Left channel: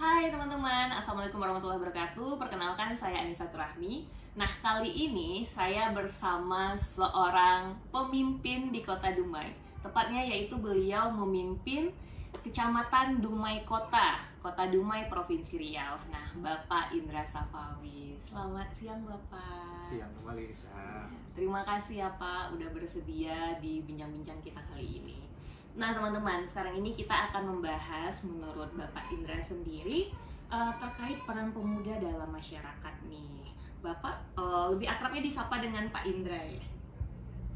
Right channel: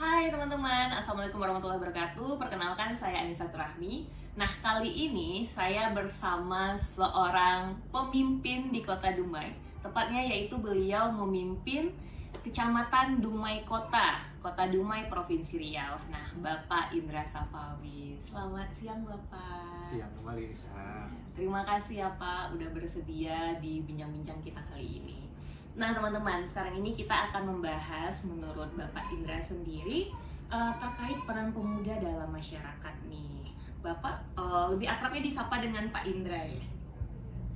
Hai teman-teman, Assalamualaikum warahmatullahi wabarakatuh. Perkenalkan, saya Anissa Turahmi. Nah, kali ini saya bersama seorang pemimpin di Kota Dumai. Tepatnya yaitu beliau memimpin Kecamatan Dumai Kota, Kota Dumai, Provinsi Riau. Nah, Bapak Indra Safawi. Selamat siang, Bapak. Siang kembali, Nisa. Terima kasih ya Pak, udah bersedia di bincang-bincang kita kali ini. Nah teman-teman, sekarang ini kita akan membahas menurut Bapak Indra sendiri terkait peran pemuda dalam masyarakat nih. Bapak lebih akrabnya disapa dengan Pak Indra ya?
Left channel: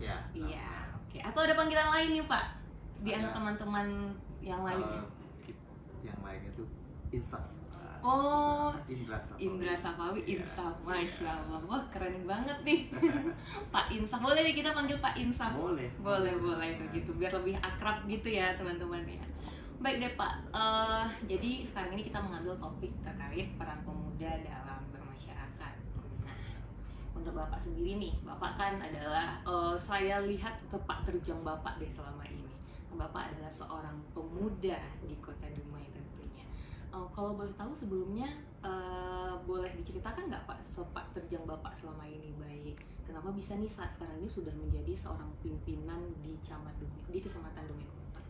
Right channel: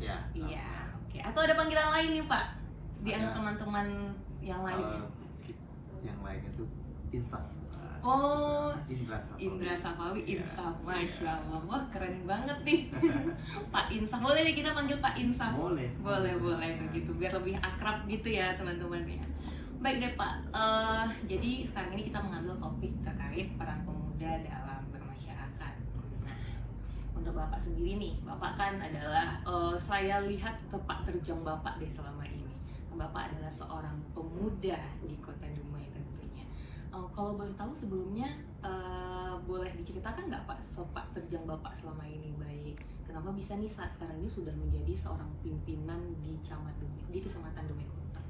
Ya. Iya, oke. Atau ada panggilan lain nih Pak? Di Ada. antara teman-teman yang lainnya? Yang lainnya itu Insaf. Oh, Indra Safawi. Indra Safawi, Iya. Insaf, Masya Allah. Wah keren banget nih. Pak Insaf, boleh nih kita panggil Pak Insaf? Boleh. Boleh begitu, biar lebih akrab gitu ya teman-teman ya. Baik deh Pak, jadi sekarang ini kita mengambil topik terkait peran pemuda dalam bermasyarakat. Nah, untuk Bapak sendiri nih, Bapak kan adalah, saya lihat tepak terjang Bapak deh selama ini. Bapak adalah seorang pemuda di Kota Dumai tentunya. Kalau boleh tahu sebelumnya, boleh diceritakan nggak Pak sepak terjang Bapak selama ini, baik kenapa bisa nih saat sekarang ini sudah menjadi seorang pimpinan di Kecamatan Dumai Kota?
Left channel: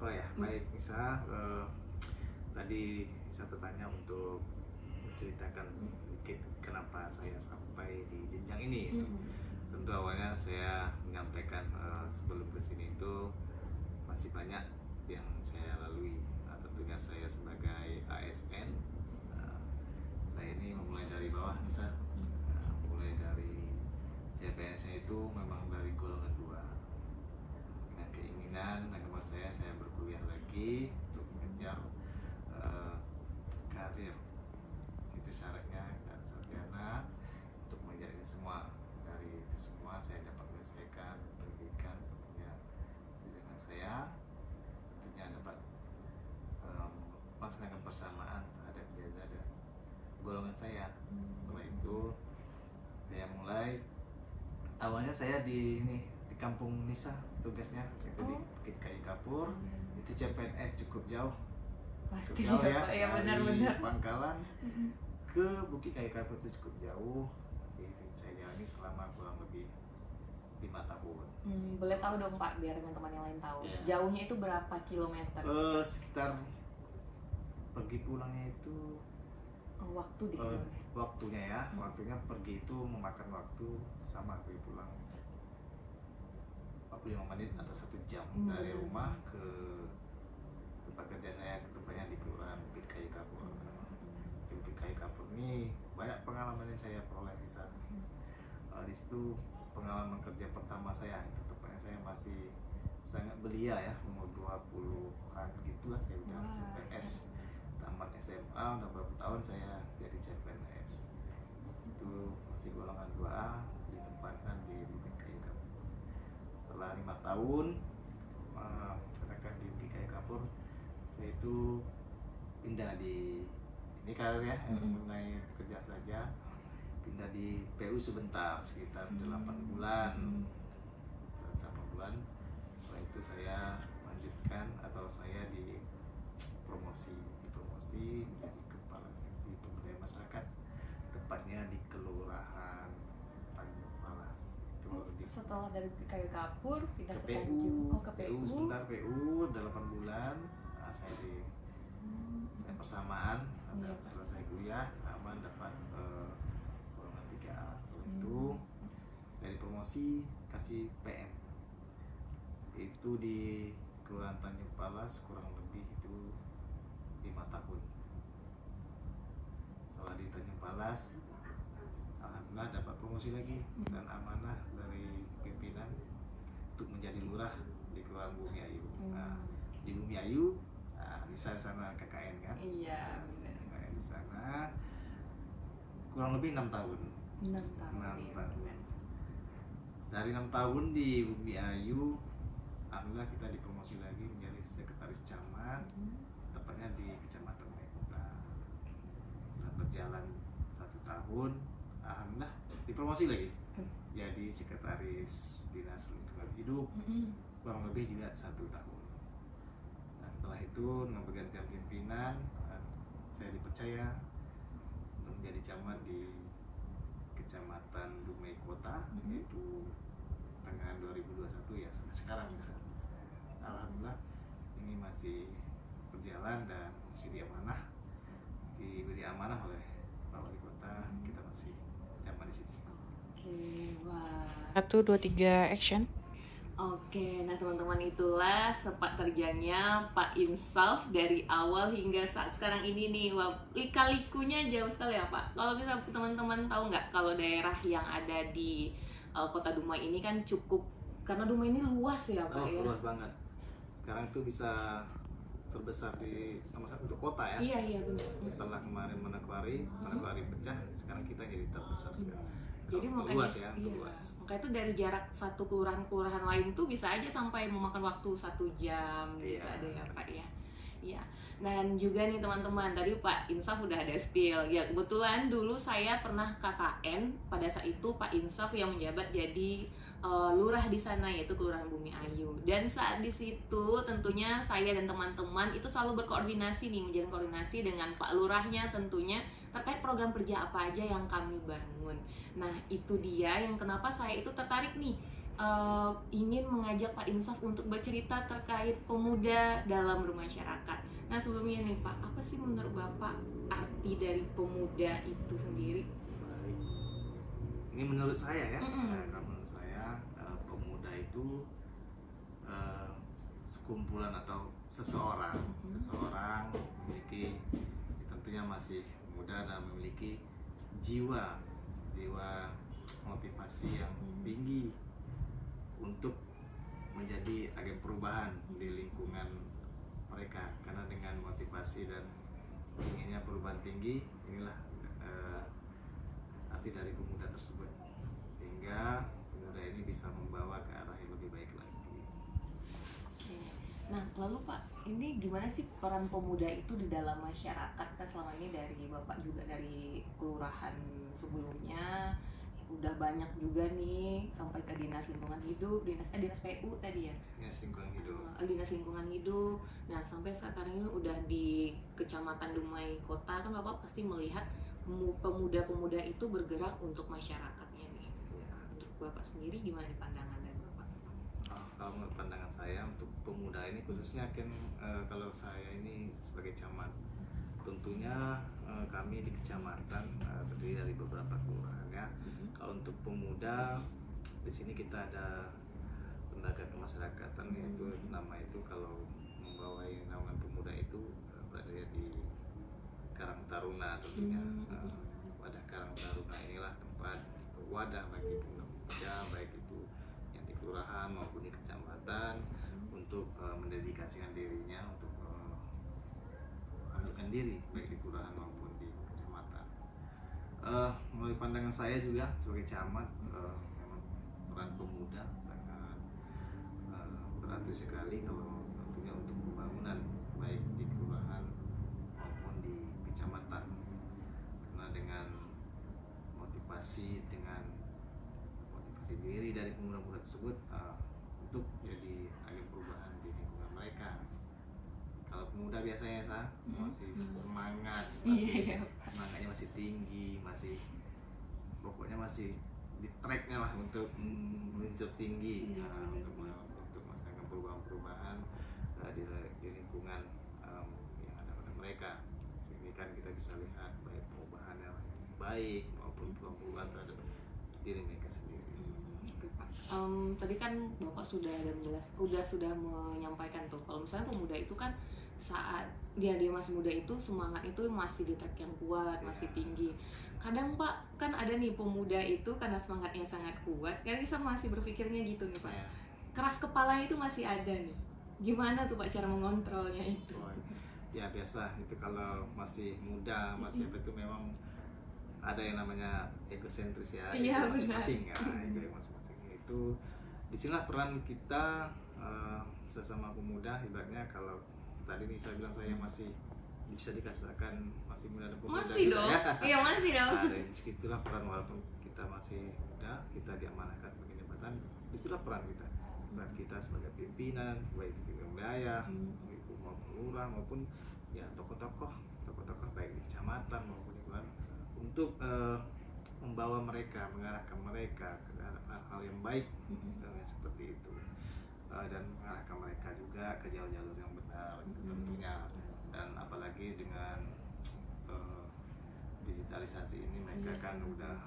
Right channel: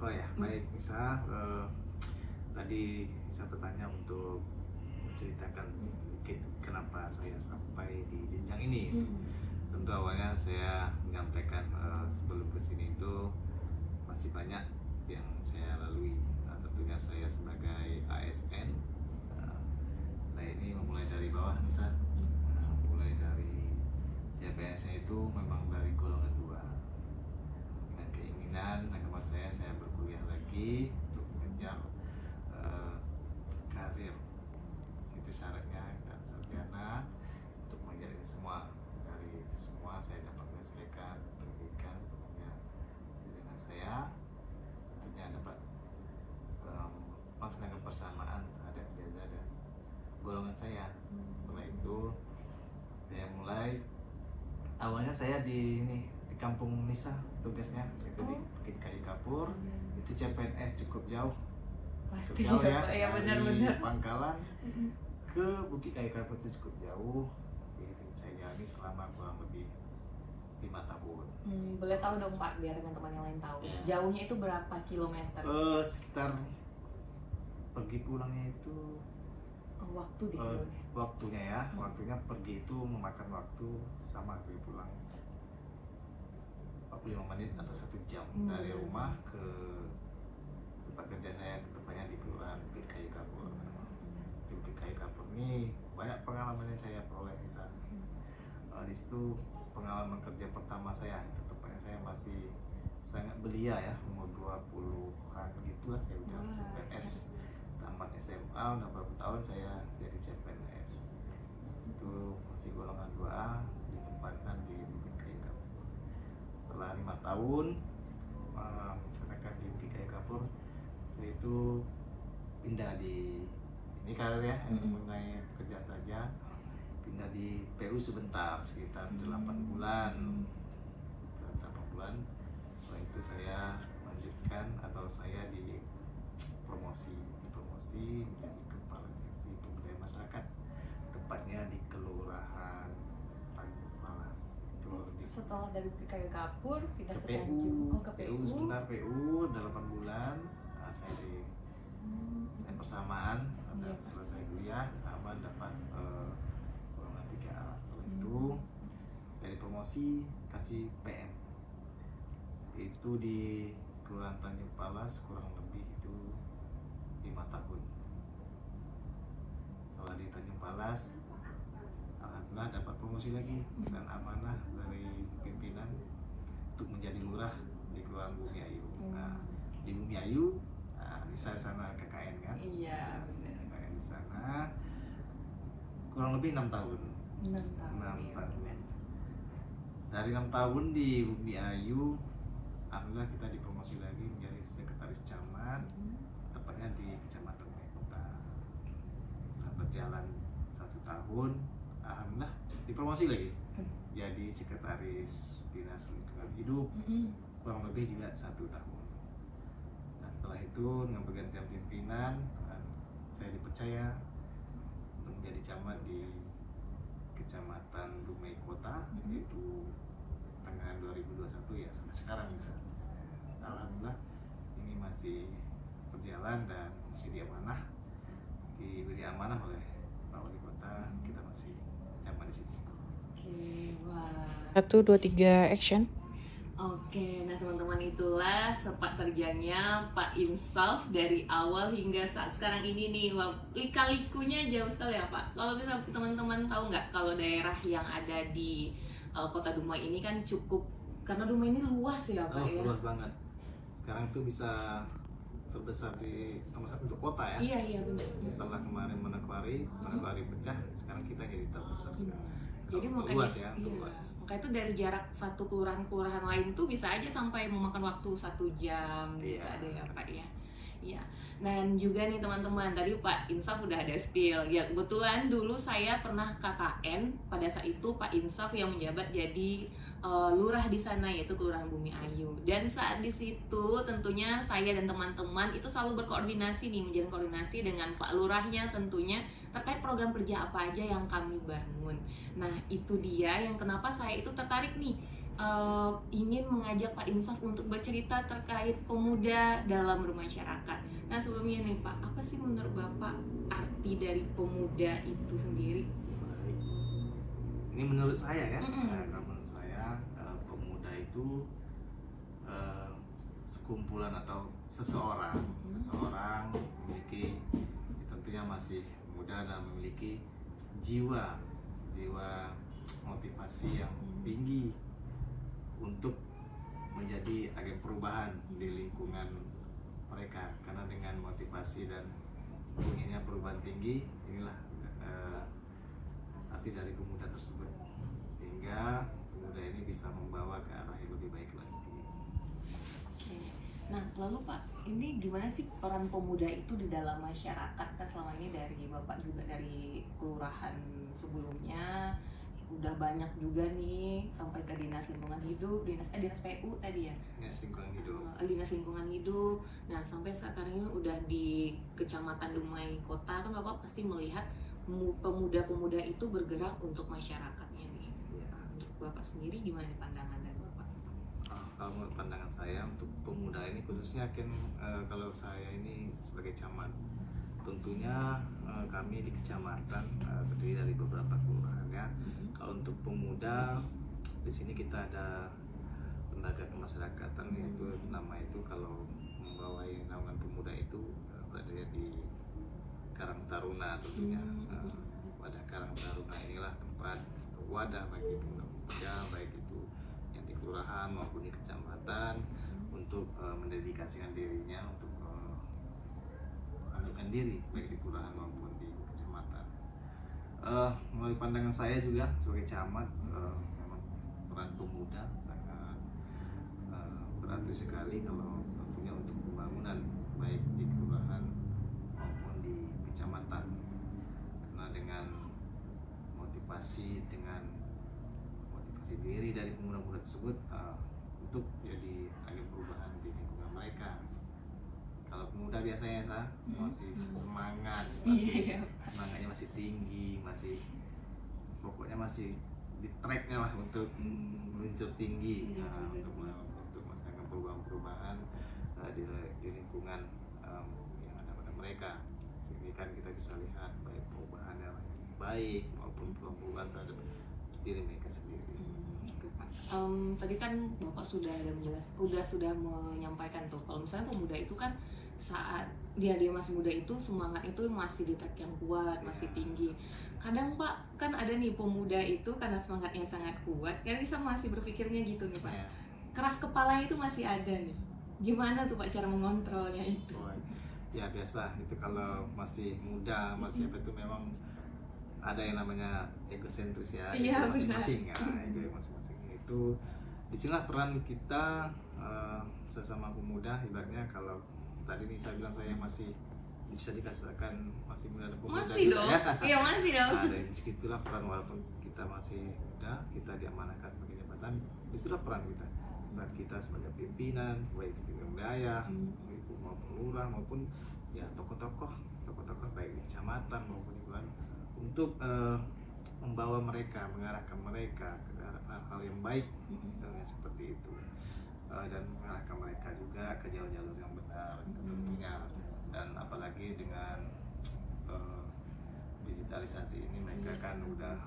Oh ya, baik Nisa. Tadi saya bertanya untuk menceritakan sedikit kenapa saya sampai di jenjang ini. Tentu awalnya saya menyampaikan sebelum kesini itu masih banyak yang saya lalui. Tentunya saya sebagai ASN, saya ini memulai dari bawah, Nisa. Mulai dari CPNS itu memang dari golongan 2 dengan keinginan dan kemauan saya berkuliah lagi untuk mengejar karir. Situ syaratnya kita sarjana untuk mengejar ini semua. Dari itu semua saya dapat menyelesaikan pendidikan tentunya dengan saya, tentunya dapat melaksanakan persamaan terhadap ijazah dan golongan saya. Setelah itu saya mulai, awalnya saya di kampung Nisa tugasnya itu di Bukit Kayu Kapur. Itu CPNS cukup jauh. Pasti Cukup jauh ya, ya, dari benar-benar. Pangkalan ke Bukit Kayu Kapur itu cukup jauh. Jadi saya jalani selama kurang lebih 5 tahun. Boleh tahu dong Pak, biar teman-teman yang lain tahu. Iya. Jauhnya itu berapa kilometer? Sekitar pergi pulangnya itu Waktu deh. waktunya pergi itu memakan waktu sama pergi pulang 45 menit atau 1 jam dari rumah ke tempat kerja saya, ke tempatnya di Kelurahan Bukit Kayu Kapur. Di Bukit Kayu Kapur ini banyak pengalaman yang saya peroleh di sana. Di situ pengalaman kerja pertama saya, itu tempatnya saya masih sangat belia ya, umur 20-an gitu lah, saya udah CPNS. Tamat SMA udah beberapa tahun saya jadi CPNS. Itu masih golongan 2A, ditempatkan di Bukit Kayu Kapur. Setelah 5 tahun masyarakat di Bukit Kayu Kapur, saya itu pindah di ini karir ya, mengenai pekerjaan saja, pindah di PU sebentar sekitar 8 bulan. Setelah itu saya lanjutkan atau saya dipromosi menjadi kepala seksi pemberdayaan masyarakat, tepatnya di Kelurahan Tanjung Palas. Itu di Setelah dari Bukit Kayu Kapur pindah ke ke PU. Tanjung. Oh, ke PU. Sebentar PU 8 bulan. Saya persamaan dan selesai kuliah sama dapat golongan 3A. Setelah itu saya dipromosi kasih PM. Itu di Kelurahan Tanjung Palas kurang lebih itu 5 tahun. Setelah di Tanjung Palas, alhamdulillah dapat promosi lagi dan amanah dari pimpinan untuk menjadi lurah di Kelurahan Bumi Ayu. Nah, di Bumi Ayu, di sana KKN kan? Iya, benar. KKN di sana kurang lebih 6 tahun. 6 tahun. 6 tahun. Dari 6 tahun di Bumi Ayu, alhamdulillah kita dipromosi lagi menjadi sekretaris camat, tepatnya di Kecamatan Dumai Kota. Setelah berjalan 1 tahun, alhamdulillah dipromosi lagi jadi sekretaris dinas lingkungan hidup, kurang lebih juga 1 tahun. Nah, setelah itu dengan pergantian pimpinan, saya di Kecamatan Dumai Kota, itu tengahan 2021 ya, sampai sekarang bisa. Alhamdulillah ini masih berjalan dan masih diberi amanah oleh Pak Wali Kota, kita masih nyaman di sini. Wah. 1, 2, 3 action. Oke, nah teman-teman, itulah sepak terjangnya Pak Insaf dari awal hingga saat sekarang ini nih. Wah, lika-likunya jauh sekali ya Pak. Kalau misalnya teman-teman tahu nggak, kalau daerah yang ada di Kota Dumai ini kan cukup, karena Dumai ini luas ya Pak ya. Luas banget. Sekarang itu bisa terbesar di nomor 1 untuk kota ya. Iya benar. Setelah kemarin Manokwari pecah, sekarang kita jadi terbesar sekarang. Jadi Untuk makanya luas ya, untuk luas. Makanya itu dari jarak satu kelurahan lain tuh bisa aja sampai memakan waktu 1 jam gitu ada ya Pak ya. Iya. Dan juga nih teman-teman, tadi Pak Insaf udah ada spill. Ya kebetulan dulu saya pernah KKN, pada saat itu Pak Insaf yang menjabat jadi lurah di sana, yaitu Kelurahan Bumi Ayu. Dan saat di situ tentunya saya dan teman-teman itu selalu berkoordinasi nih, menjalin koordinasi dengan Pak Lurahnya tentunya terkait program kerja apa aja yang kami bangun. Nah itu dia yang kenapa saya itu tertarik nih, ingin mengajak Pak Insaf untuk bercerita terkait pemuda dalam bermasyarakat. Nah sebelumnya nih Pak, apa sih menurut Bapak arti dari pemuda itu sendiri? Baik. Ini menurut saya ya, kalau menurut saya pemuda itu sekumpulan atau seseorang memiliki, tentunya masih muda dan memiliki jiwa motivasi yang tinggi untuk menjadi agen perubahan di lingkungan mereka. Karena dengan motivasi dan inginnya perubahan tinggi, inilah arti dari pemuda tersebut, sehingga pemuda ini bisa membawa ke arah yang lebih baik lagi. Oke. Nah lalu Pak, ini gimana sih peran pemuda itu di dalam masyarakat? Kan selama ini dari Bapak juga dari kelurahan sebelumnya udah banyak juga nih sampai ke dinas lingkungan hidup, dinas PU tadi ya, dinas lingkungan hidup. Nah sampai sekarang ini udah di Kecamatan Dumai Kota, kan Bapak pasti melihat pemuda-pemuda itu bergerak untuk masyarakatnya nih. Nah, untuk Bapak sendiri gimana pandangan dari Bapak? Kalau menurut pandangan saya untuk pemuda ini khususnya kalau saya ini sebagai camat, tentunya kami di kecamatan terdiri dari beberapa kelurahan ya. Kalau untuk pemuda di sini kita ada lembaga kemasyarakatan, yaitu nama itu kalau membawa naungan pemuda itu berada di Karang Taruna. Tentunya wadah Karang Taruna inilah tempat wadah bagi pemuda baik itu yang di kelurahan maupun di kecamatan untuk mendedikasikan dirinya untuk mengundurkan diri baik di kelurahan maupun di kecamatan. Melalui pandangan saya juga sebagai camat, memang peran pemuda sangat berarti sekali kalau tentunya untuk pembangunan baik di kelurahan maupun di kecamatan. Karena dengan motivasi diri dari pemuda-pemuda tersebut untuk jadi agen perubahan di lingkungan mereka. Kalau pemuda biasanya masih semangat, semangatnya masih tinggi, pokoknya masih di tracknya lah untuk meluncur tinggi, untuk melakukan perubahan-perubahan di lingkungan yang ada pada mereka. Sehingga kan kita bisa lihat baik perubahan yang baik maupun perubahan terhadap diri mereka sendiri. Tadi kan Bapak sudah menyampaikan tuh, kalau misalnya pemuda itu kan saat dia masih muda itu semangat itu masih di track yang kuat, masih tinggi. Kadang Pak kan ada nih pemuda itu karena semangatnya sangat kuat, kan bisa masih berpikirnya gitu nih Pak. Keras kepala itu masih ada nih. Gimana tuh Pak cara mengontrolnya itu? Ya biasa itu kalau masih muda, masih apa itu memang ada yang namanya egosentris ya, ego masing-masing ya, ego masing-masing itu. Disinilah peran kita sesama pemuda, ibaratnya kalau tadi nih saya bilang saya masih bisa dikatakan masih muda dan pemuda masih gitu dong. Ya. Iya masih dong. Nah, dari disitulah peran, walaupun kita masih muda, kita diamanahkan sebagai jabatan, disitulah peran kita sebagai pimpinan, baik di wilayah, maupun lurah maupun ya tokoh-tokoh baik di kecamatan maupun di untuk membawa mereka, mengarahkan mereka ke hal-hal yang baik gitu, seperti itu, dan mengarahkan mereka juga ke jalur-jalur yang benar itu tentunya. Dan apalagi dengan digitalisasi ini, mereka kan udah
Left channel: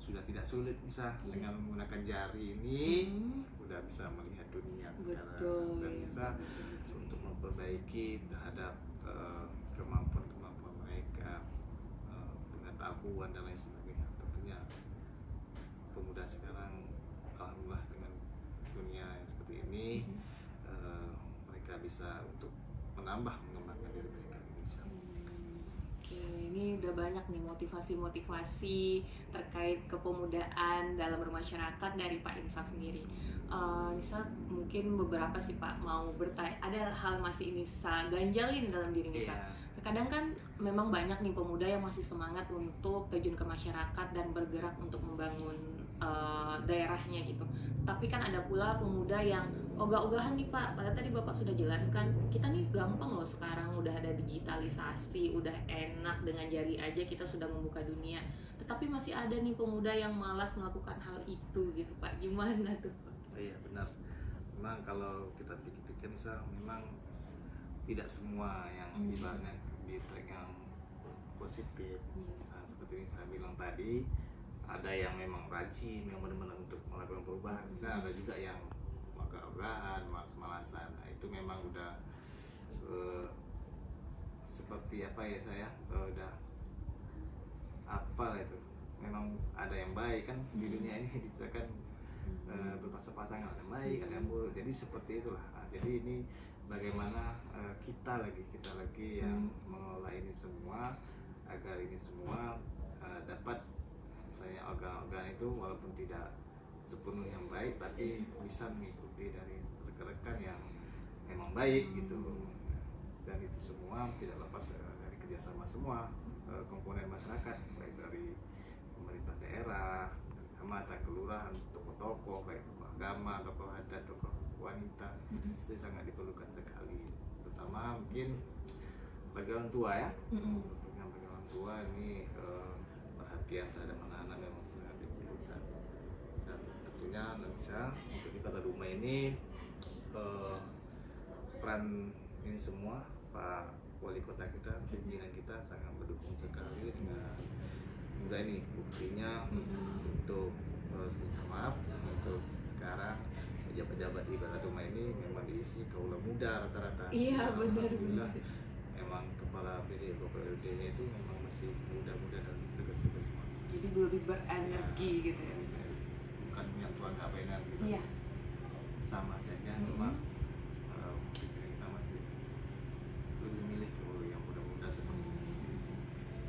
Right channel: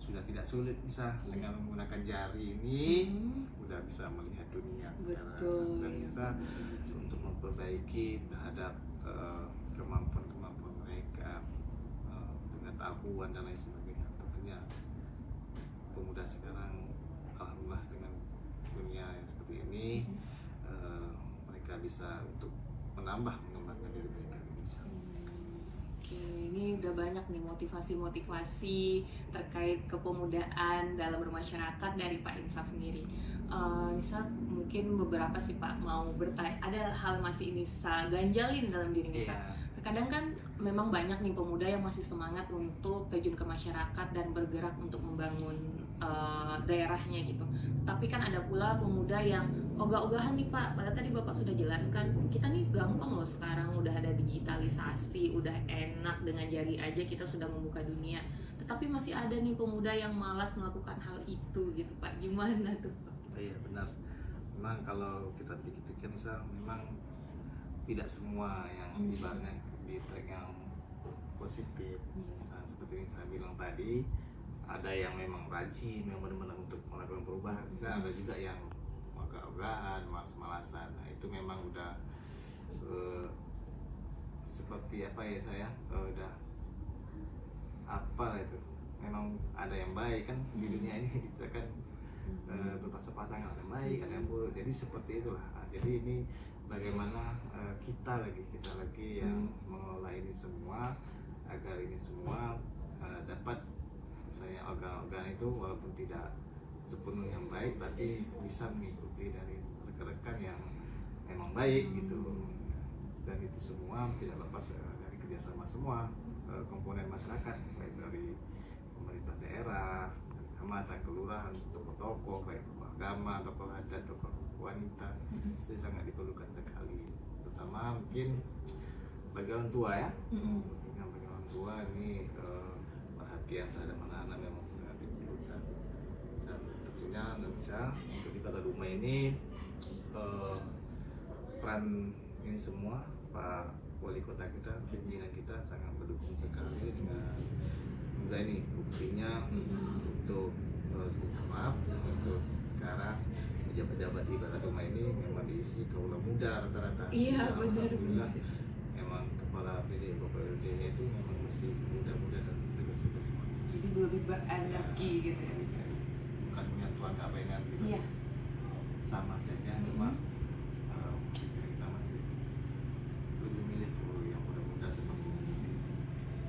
sudah tidak sulit bisa dengan menggunakan jari ini udah bisa melihat dunia sekarang dan bisa untuk memperbaiki terhadap kemampuan mereka, pengetahuan dan lain sebagainya. Tentunya pemuda sekarang alhamdulillah dengan dunia yang seperti ini, mereka bisa untuk mengembangkan diri mereka di Indonesia. Oke, ini udah banyak nih motivasi-motivasi terkait kepemudaan dalam bermasyarakat dari Pak Insaf sendiri. Misal mungkin beberapa sih Pak mau bertanya, ada hal masih Nisa ganjalin dalam diri Nisa. Kadang kan memang banyak nih pemuda yang masih semangat untuk terjun ke masyarakat dan bergerak untuk membangun daerahnya gitu. Tapi kan ada pula pemuda yang ogah-ogahan nih Pak. Padahal tadi Bapak sudah jelaskan, kita nih gampang loh sekarang, udah ada digitalisasi, udah enak dengan jari aja kita sudah membuka dunia. Tetapi masih ada nih pemuda yang malas melakukan hal itu gitu Pak. Gimana tuh Pak? Iya benar. Memang kalau kita pikir-pikir memang tidak semua yang ibaratnya di track yang positif. Nah, seperti yang saya bilang tadi, ada yang memang rajin, yang benar-benar untuk melakukan perubahan, dan ada juga yang ogah-ogahan, malas-malasan. Nah, itu memang udah seperti apa ya saya udah apa itu. Memang ada yang baik kan di dunia ini, bisa kan berpasangan, ada yang baik, ada yang buruk. Jadi seperti itulah. Nah, jadi ini bagaimana kita lagi yang mengelola ini semua agar ini semua dapat misalnya organ-organ itu walaupun tidak sepenuhnya yang baik tapi bisa mengikuti dari rekan-rekan yang memang baik gitu. Dan itu semua tidak lepas dari kerjasama semua komponen masyarakat, baik dari pemerintah daerah, kecamatan, kelurahan, tokoh-tokoh, baik tokoh agama, tokoh adat, tokoh wanita. Itu sangat diperlukan sekali, terutama mungkin bagi orang tua ya. Bagi orang tua ini perhatian terhadap anak-anak memang sangat diperlukan. Dan tentunya Indonesia untuk di Kota Dumai ini peran ini semua Pak Wali Kota kita, pimpinan kita sangat mendukung sekali dengan muda ini. Buktinya untuk maaf untuk sekarang pejabat-pejabat di Kota Dumai ini memang diisi kaula muda rata-rata. Iya benar. Alhamdulillah memang kepala PDD-nya itu memang masih muda-muda dan segar-segar semua. Jadi lebih berenergi gitu. Bukan punya tuan apa energi. Iya. Sama saja, cuma kita masih lebih milih yang muda-muda seperti ini.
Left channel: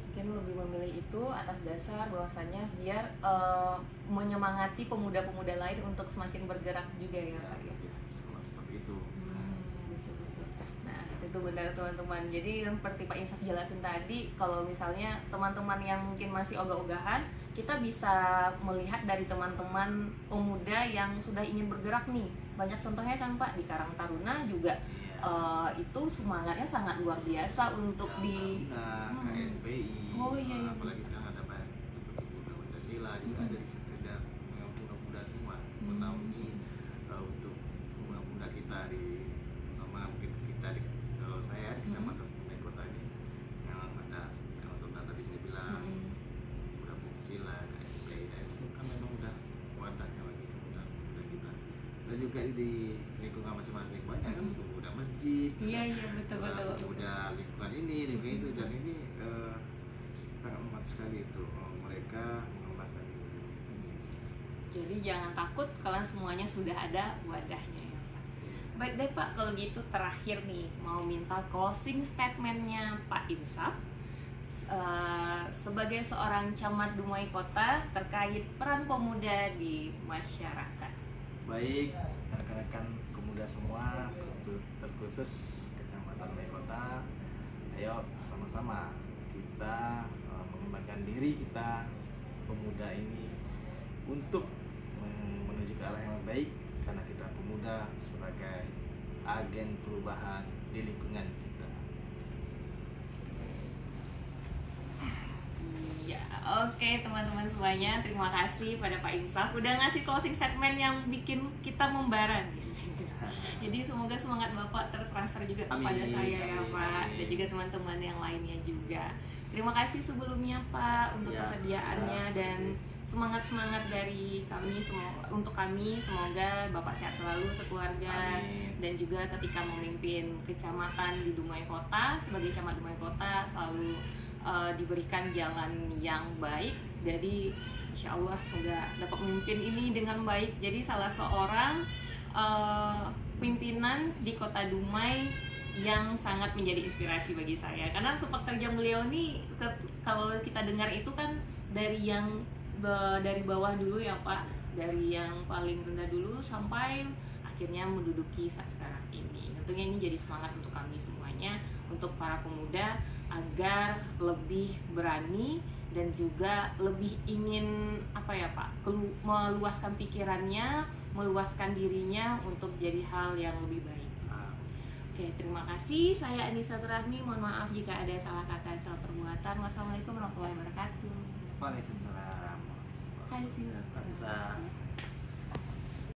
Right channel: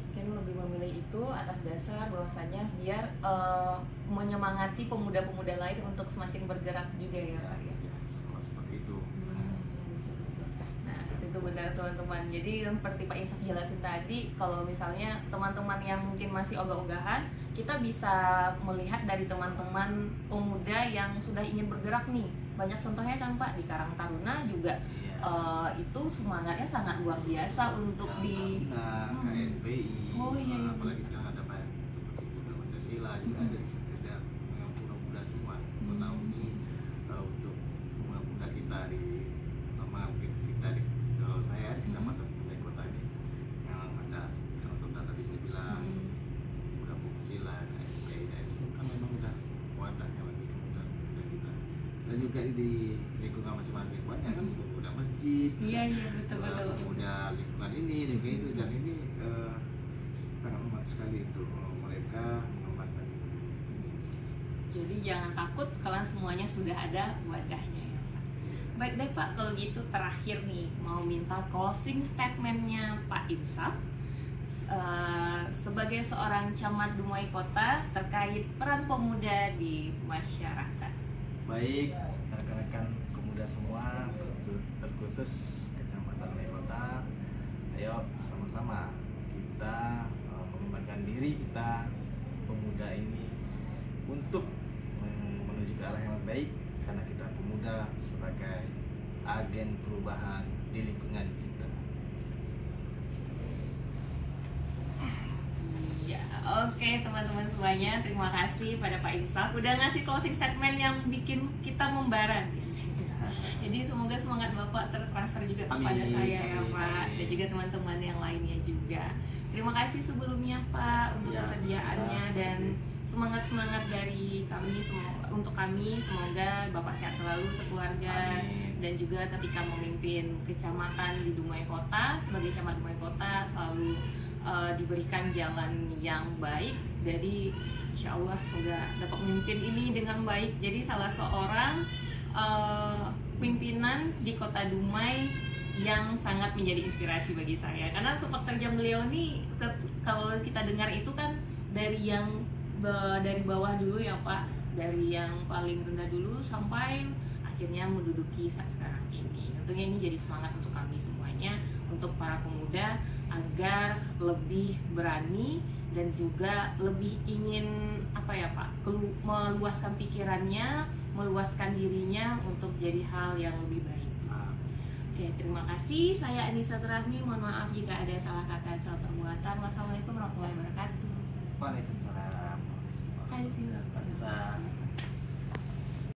Mungkin lebih memilih itu atas dasar bahwasannya biar menyemangati pemuda-pemuda lain untuk semakin bergerak juga ya Pak ya. Sama seperti itu. Betul-betul. Nah itu benar teman-teman. Jadi seperti Pak Insaf jelasin tadi, kalau misalnya teman-teman yang mungkin masih ogah-ogahan, kita bisa melihat dari teman-teman pemuda yang sudah ingin bergerak nih. Banyak contohnya kan Pak, di Karang Taruna juga itu semangatnya sangat luar biasa untuk KNPI, iya. apalagi sekarang ada banyak seperti Muda Pancasila juga ada di situ, dan muda-muda semua menaungi untuk muda-muda kita di, terutama mungkin kita di, kalau saya di Kecamatan Dumai Kota ini yang ada kalau Tonton tadi saya bilang Muda Pancasila, KNPI, dan itu kan memang udah wadahnya bagi muda kita. Dan juga di lingkungan masing-masing banyak kan pemuda masjid, iya betul. pemuda lingkungan ini, lingkungan itu, dan ini sangat membantu sekali itu mereka mengembangkan. Jadi jangan takut, kalian semuanya sudah ada wadahnya ya Pak. Baik deh Pak, kalau gitu terakhir nih mau minta closing statementnya Pak Insaf sebagai seorang camat Dumai Kota terkait peran pemuda di masyarakat. Baik, rekan-rekan pemuda semua, terkhusus Kecamatan Dumai Kota, ayo sama-sama kita mengembangkan diri kita pemuda ini untuk menuju ke arah yang baik, karena kita pemuda sebagai agen perubahan di lingkungan kita. Oke teman-teman semuanya, terima kasih pada Pak Insaf udah ngasih closing statement yang bikin kita membara. Jadi semoga semangat Bapak tertransfer juga kepada saya ya Pak, dan juga teman-teman yang lainnya juga. Terima kasih sebelumnya Pak untuk kesediaannya dan semangat dari kami untuk kami. Semoga Bapak sehat selalu sekeluarga. Amin. Dan juga ketika memimpin kecamatan di Dumai Kota sebagai camat Dumai Kota selalu diberikan jalan yang baik. Jadi insya Allah semoga dapat memimpin ini dengan baik. Jadi salah seorang pimpinan di Kota Dumai yang sangat menjadi inspirasi bagi saya, karena sepak terjang beliau ini kalau kita dengar itu kan dari bawah dulu ya Pak, dari yang paling rendah dulu sampai akhirnya menduduki saat sekarang ini. Tentunya ini jadi semangat untuk kami semuanya, untuk para pemuda agar lebih berani dan juga lebih ingin apa ya Pak, meluaskan pikirannya, meluaskan dirinya untuk jadi hal yang lebih baik. Oke, terima kasih. Saya Anissa Rahmi. Mohon maaf jika ada salah kata, salah perbuatan. Wassalamualaikum warahmatullahi wabarakatuh. Waalaikumsalam. Hai sih. Terima kasih.